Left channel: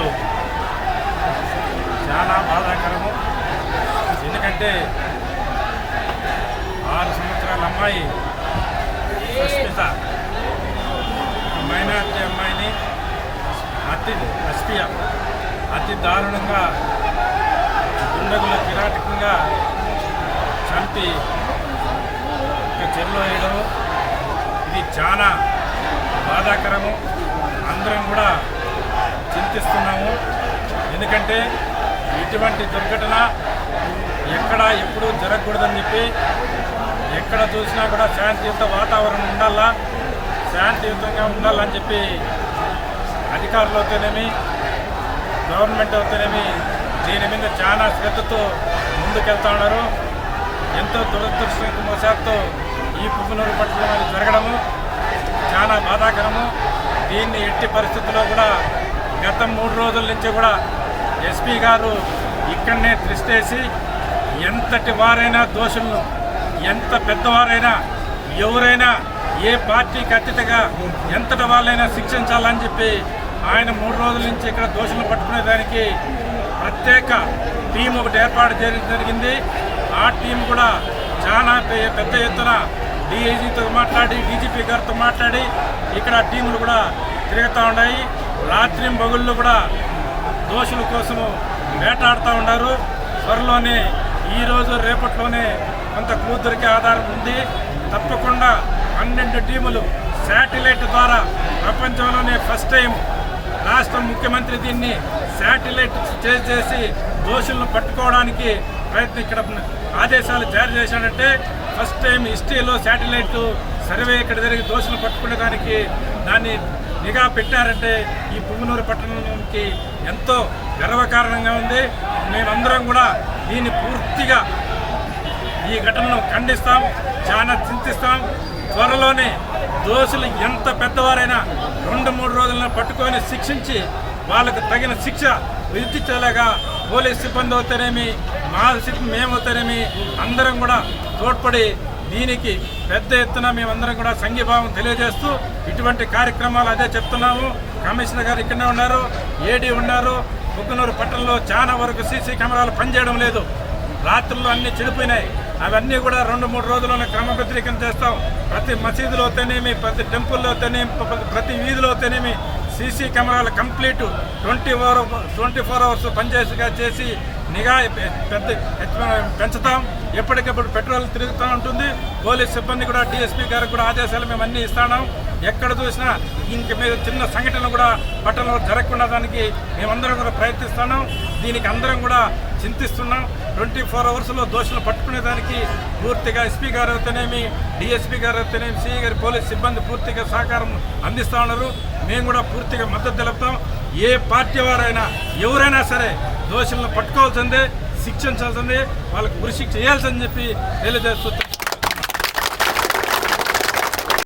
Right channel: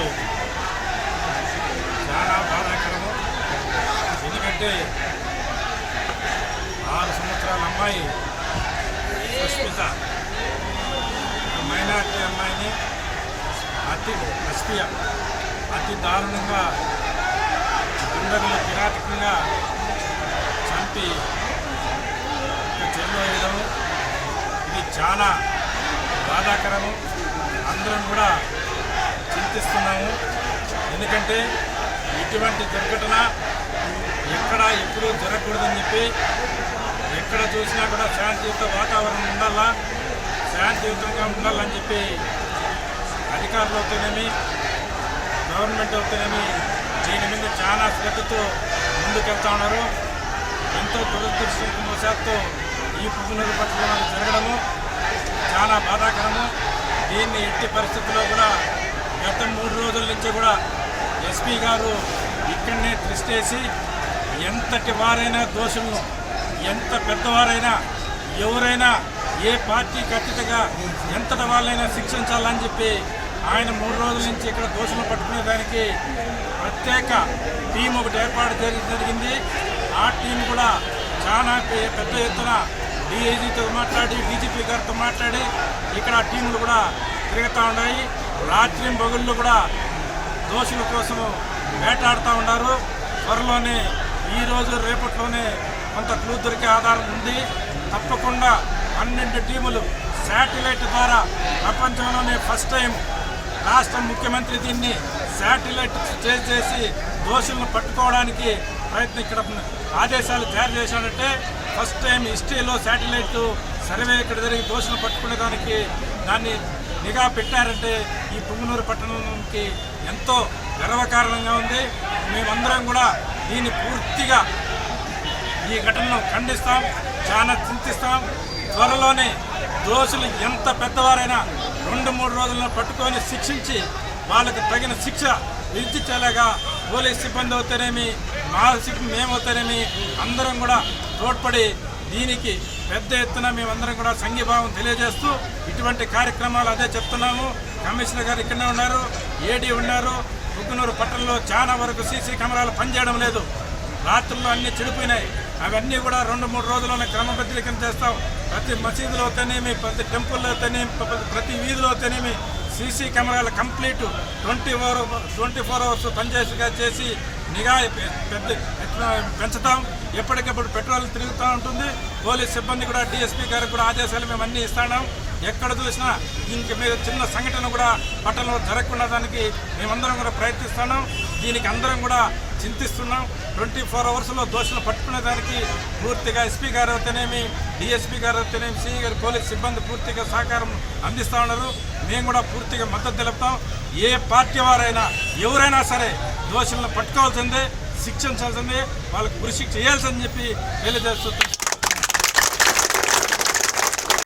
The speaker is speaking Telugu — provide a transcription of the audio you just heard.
ఈరోజు చాలా బాధాకరము. ఎందుకంటే ఆరు సంవత్సరాల అమ్మాయి సుస్మిత మైనార్టీ అమ్మాయిని అతి అస్పియ అతి దారుణంగా దుండగులు కిరాటకంగా చంపి చెరులో వేయడం ఇది చాలా బాధాకరము. అందరం కూడా గుర్తిస్తున్నాము ఎందుకంటే ఇటువంటి దుర్ఘటన ఎక్కడ ఎప్పుడూ జరగకూడదని చెప్పి ఎక్కడ చూసినా కూడా శాంతియుత వాతావరణం ఉండాలా శాంతియుతంగా ఉండాలని చెప్పి అధికారులు అవుతేనేమి గవర్నమెంట్ అవుతేనేమి దీని మీద చాలా శ్రద్ధతో ముందుకెళ్తా ఉన్నారు. ఎంతో దురదృష్టవశాత్తు ఈ పువ్వునూరు పట్టణంలో జరగడము చాలా బాధాకరము. దీన్ని ఎట్టి పరిస్థితుల్లో కూడా గత మూడు రోజుల నుంచి కూడా ఎస్పీ గారు ఇక్కడనే త్రిష్టేసి ఎంతటి వారైనా దోషులను ఎంత పెద్దవారైనా ఎవరైనా ఏ పార్టీకి అతీతగా ఎంతటి వాళ్ళైనా శిక్షించాలని చెప్పి ఆయన మూడు రోజుల నుంచి ఇక్కడ దోషులను పట్టుకునేదానికి ప్రత్యేక టీం ఒకటి ఏర్పాటు చేయడం జరిగింది. ఆ టీం కూడా చాలా పెద్ద ఎత్తున డిఐజీతో మాట్లాడి డీజీపీ గారితో మాట్లాడి ఇక్కడ టీములు కూడా తిరుగుతూ ఉన్నాయి. రాత్రి బగుళ్ళు కూడా దోషుల కోసము వేటాడుతూ ఉన్నారు. త్వరలోనే ఈరోజు రేపట్లోనే కొంత క్లూ దొరికే ఆధారం ఉంది. తప్పకుండా పన్నెండు టీములు శాటిలైట్ ద్వారా ప్రపంచంలోనే ఫస్ట్ టైం రాష్ట్ర ముఖ్యమంత్రి దీన్ని శాటిలైట్ చేసి చేసి దోషులను పట్టుకోవడానికి ప్రయత్నం ఇక్కడ ఆదేశాలు జారీ చేశాడంటే ఫస్ట్ టైం హిస్టరీలో శాటిలైట్ సర్వే ఇక్కడ జరిగి దోషులు పట్టుకునే దానికి దాన్ని నిఘా పెట్టారంటే ఈ పుంగనూరు పట్టణానికి ఎంతో గర్వకారణంగా ఉంది. మేమందరం కూడా దీన్ని పూర్తిగా ఈ ఘటనను ఖండిస్తాం చాలా చింతిస్తాం. త్వరలోనే దోషులు ఎంత పెద్దవారైనా రెండు మూడు రోజులను పట్టుకొని శిక్షించి వాళ్ళకు తగిన శిక్ష విధించేలాగా పోలీస్ సిబ్బంది అవుతారేమి మా సిబ్బంది మేమవుతారేమి అందరం కూడా తోడ్పడి దీనికి పెద్ద ఎత్తున మేమందరం కూడా సంఘీభావం తెలియజేస్తూ ఇటువంటి కార్యక్రమాలు అదే చెప్తున్నాము. కమిషనర్ గారు ఇక్కడనే ఉన్నారు ఏడీ ఉన్నారు. ముగ్గునూరు పట్టణంలో చాలా వరకు సీసీ కెమెరాలు పనిచేయడం లేదు. రాత్రుల్లో అన్ని చెడిపోయినాయి. అవన్నీ కూడా రెండు మూడు రోజుల్లోనే క్రమబద్ధీకరణ చేస్తాం. ప్రతి మసీదులో తనేమి ప్రతి టెంపుల్లో తనేమి ప్రతి- ప్రతి వీధిలో తనేమి CC cameras complete. Twenty four twenty four hours పనిచేసిగా చేసి నిఘా పెద్ద పెంచుతాం? ఎప్పటికప్పుడు పెట్రోల్ తిరుగుతూ ఉంటుంది. పోలీస్ సిబ్బంది కూడా డిఎస్పీ గారికి కూడా ఆదేశాలు మేము అన్నీ ఇస్తున్నాం. ఎక్కడ చూసినా ఇంక మీద చిన్న సంఘటన కూడా పట్టణంలో జరగకుండా దానికి మేమందరం కూడా ప్రయత్నిస్తున్నాం. దీనికి అందరం కూడా చింతిస్తున్నాం. ట్వంటీ ఫోర్ అవర్స్లో దోషులు పట్టుకునేదానికి పూర్తిగా ఎస్పీ గారు అయితేనేమి డిఎస్పీ గారు అయితేనేమి సిఈ గారి పోలీస్ సిబ్బంది పూర్తిగా సహకారం అందిస్తూ ఉన్నారు. మేము కూడా పూర్తిగా మద్దతు తెలుపుతాం. ఏ పార్టీ వారైనా ఎవరైనా సరే దోషులను పట్టుకోవాల్సిందే శిక్షించాల్సిందే వాళ్ళకు ఉరిశిక్ష చేయాల్సిందని చెప్పి తెలియజేస్తూ